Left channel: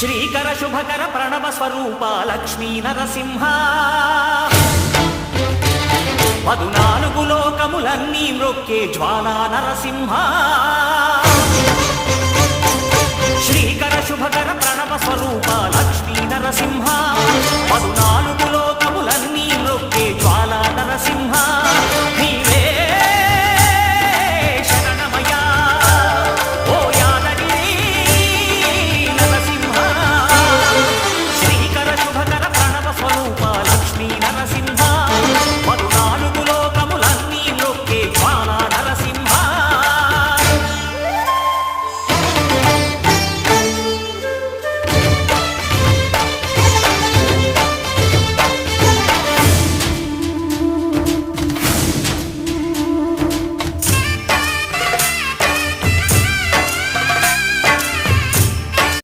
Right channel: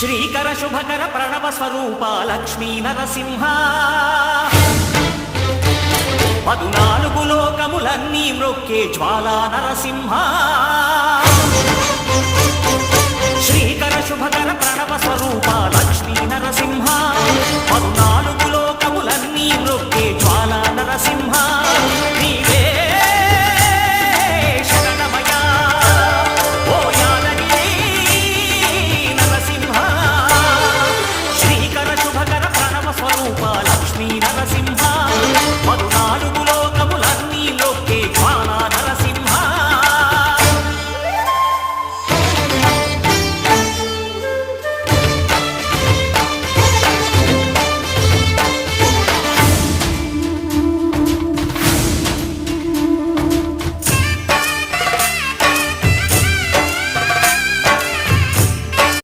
శ్రీకర శుభకర ప్రణవ స్వరూప లక్ష్మీ నరసింహ 14 లోకములన్నీ మ్రొక్కే జ్వాలా నరసింహ శ్రీకర శుభకర ప్రణవ స్వరూప లక్ష్మీ నరసింహ 14 లోకములన్నీ మ్రొక్కే జ్వాలా నరసింహ నీవే శరణమయా ఓ యాదగిరి నరసింహ శ్రీకర శుభకర ప్రణవ స్వరూప లక్ష్మీ నరసింహ 14 లోకములన్నీ మ్రొక్కే జ్వాలా నరసింహ